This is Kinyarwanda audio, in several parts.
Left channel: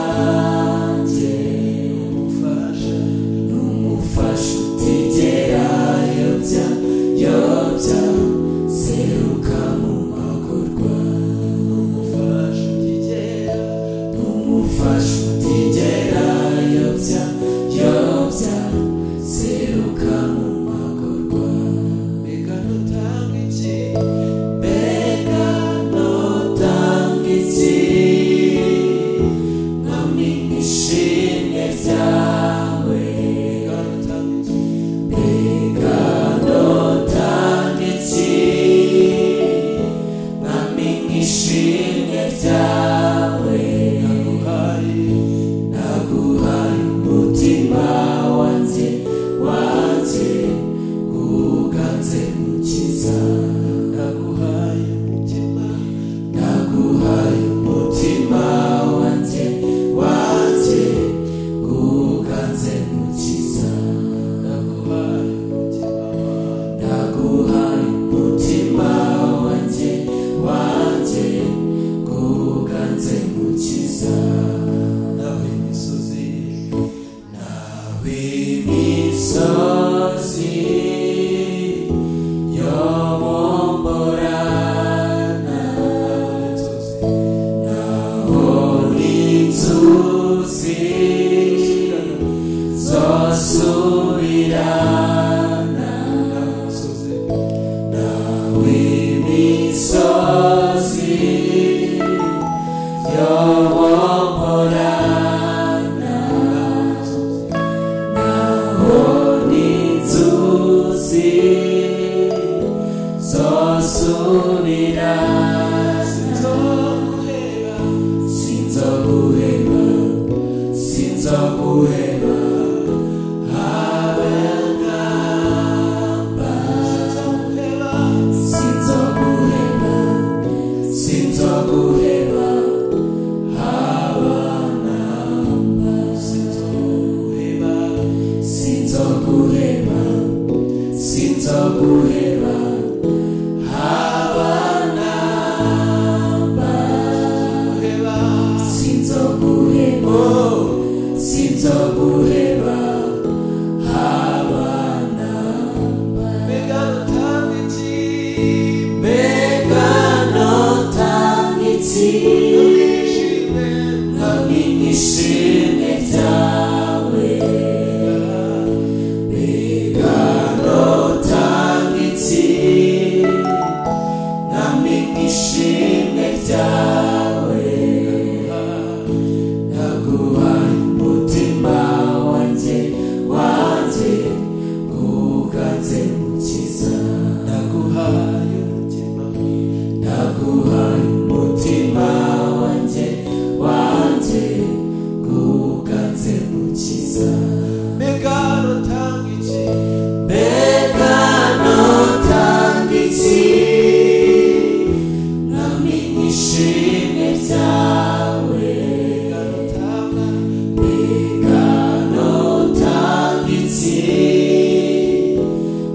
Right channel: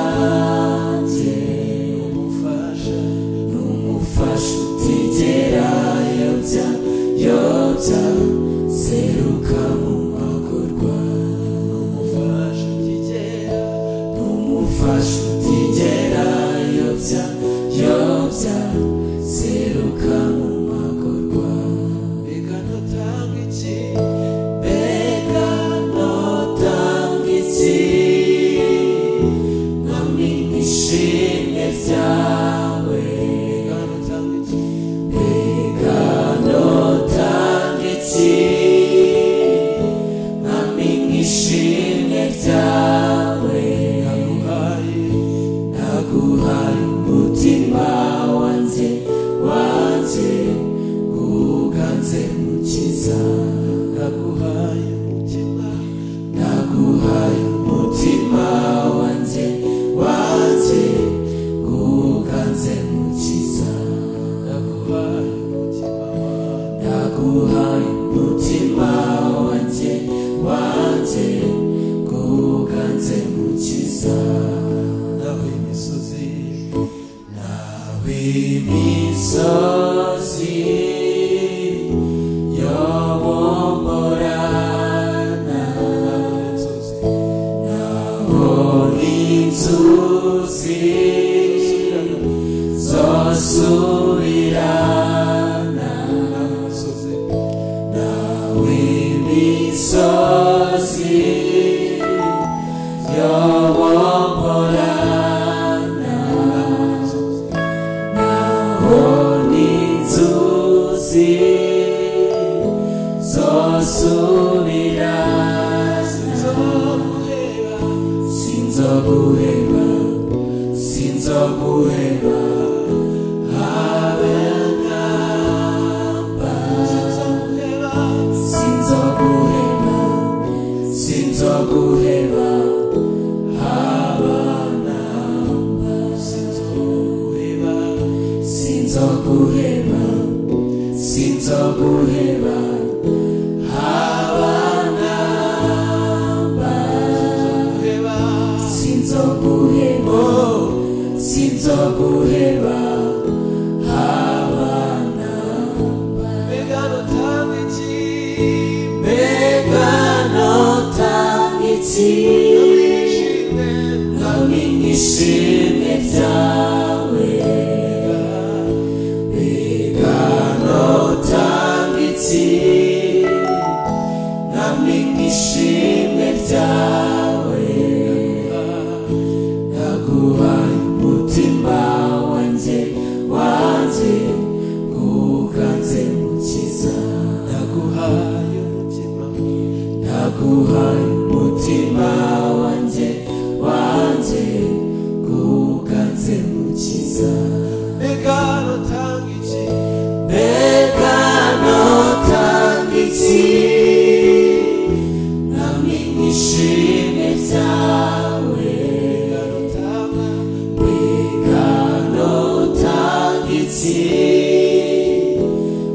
wanjye n'umufasha utigera yobya seruka mu magorwa n'umufasha utigera yobya seruka mu magorwa mbega notanga iki mwami ishimwe ryawe mbega notanga iki mwami ishimwe ryawe naguhaye umutima wanjye uganze mukiza naguhaye umutima wanjye uganze mukiza naguhaye umutima wanjye uganze mukiza nawe imisozi yobomborana naho n'inzuzi zosubirana nawe imisozi yobomborana naho n'inzuzi zosubirana sinzoguheba habe namba sinzoguheba habe namba sinzoguheba habe namba sinzoguheba habe namba mbega notanga iki mwami ishimwe ryawe mbega notanga iki mwami ishimwe ryawe naguhaye umutima wanjye uganze mukiza naguhaye umutima wanjye uganze mukiza mbega notanga iki mwami ishimwe ryawe mbega notanga iki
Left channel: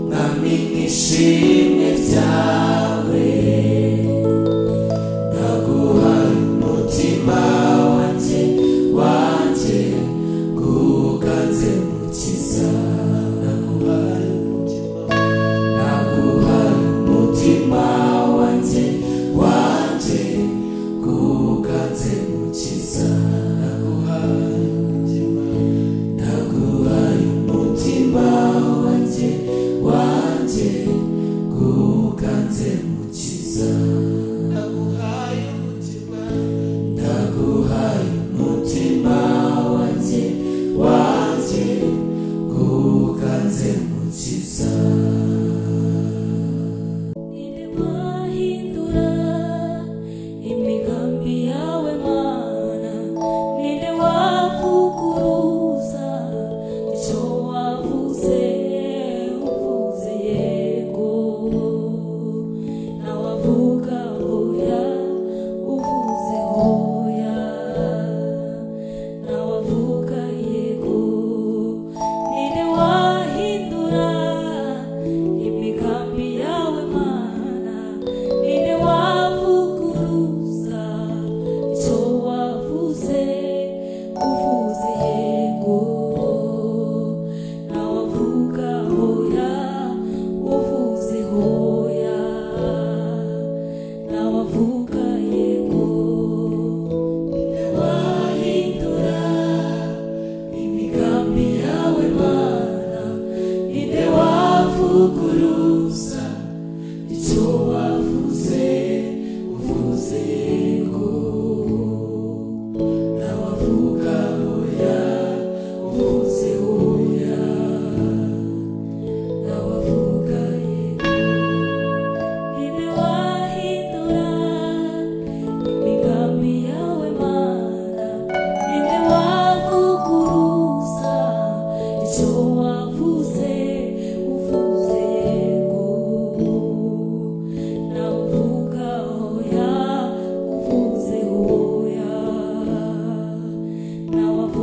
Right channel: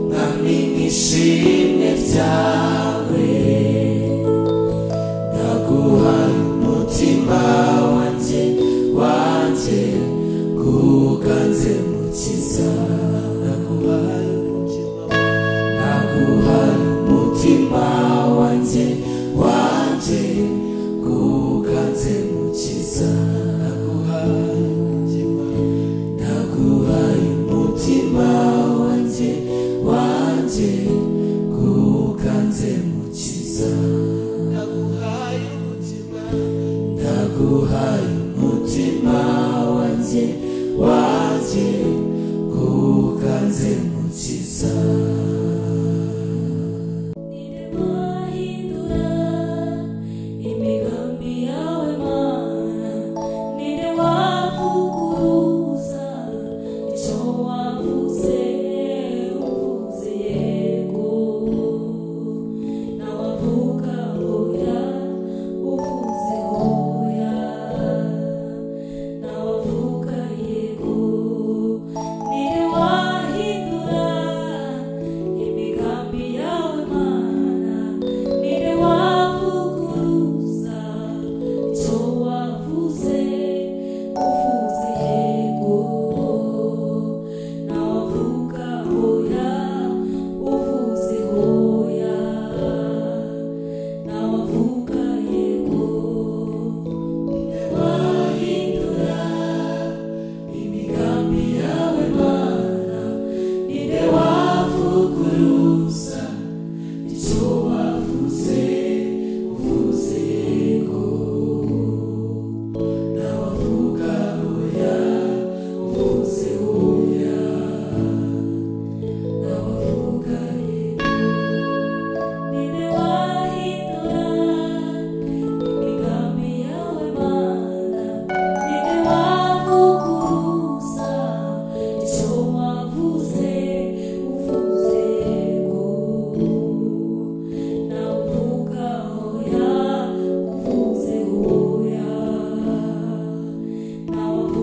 mwami ishimwe ryawe naguhaye umutima wanjye uganze mukiza naguhaye umutima wanjye uganze mukiza naguhaye umutima wanjye uganze mukiza naguhaye umutima wanjye uganze mukiza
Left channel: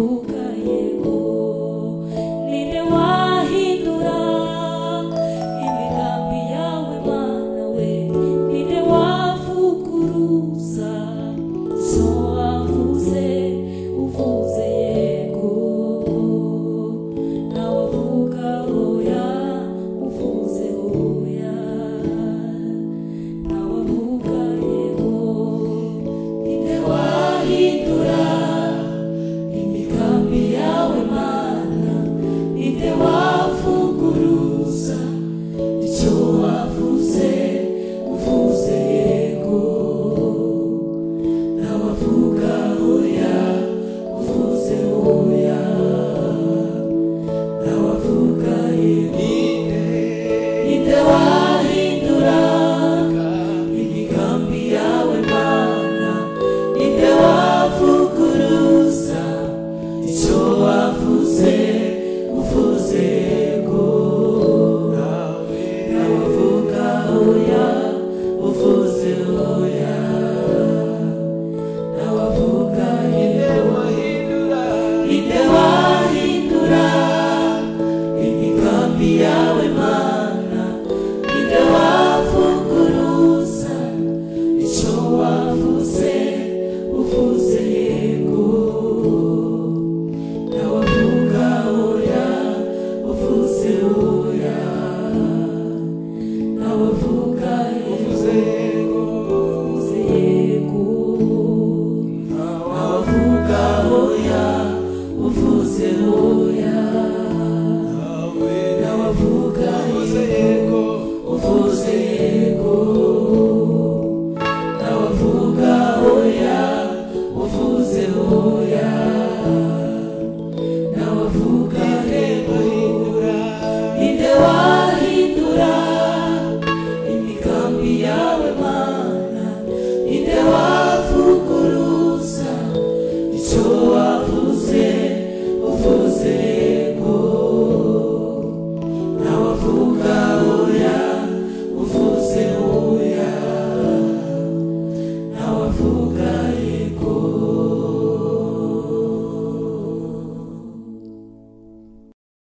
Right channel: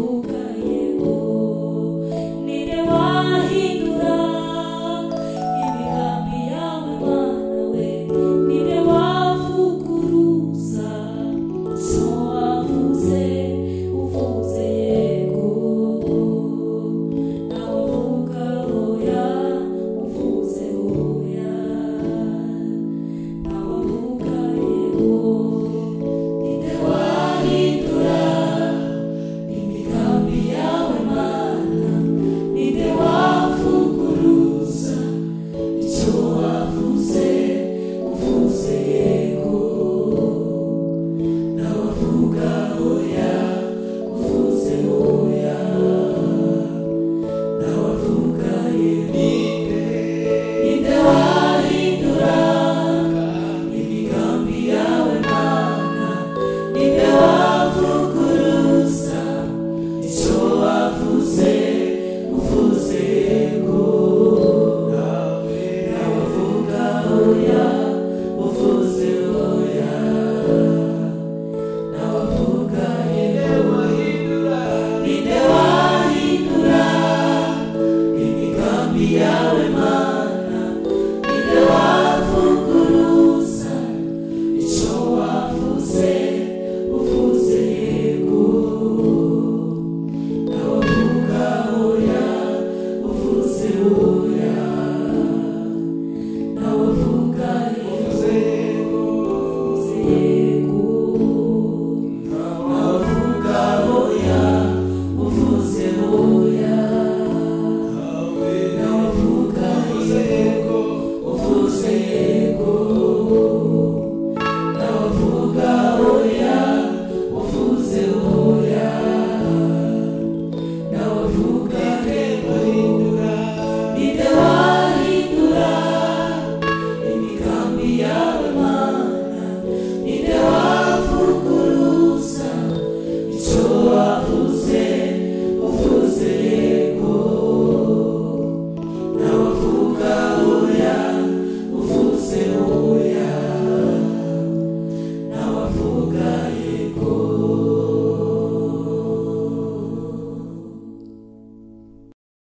ndaguha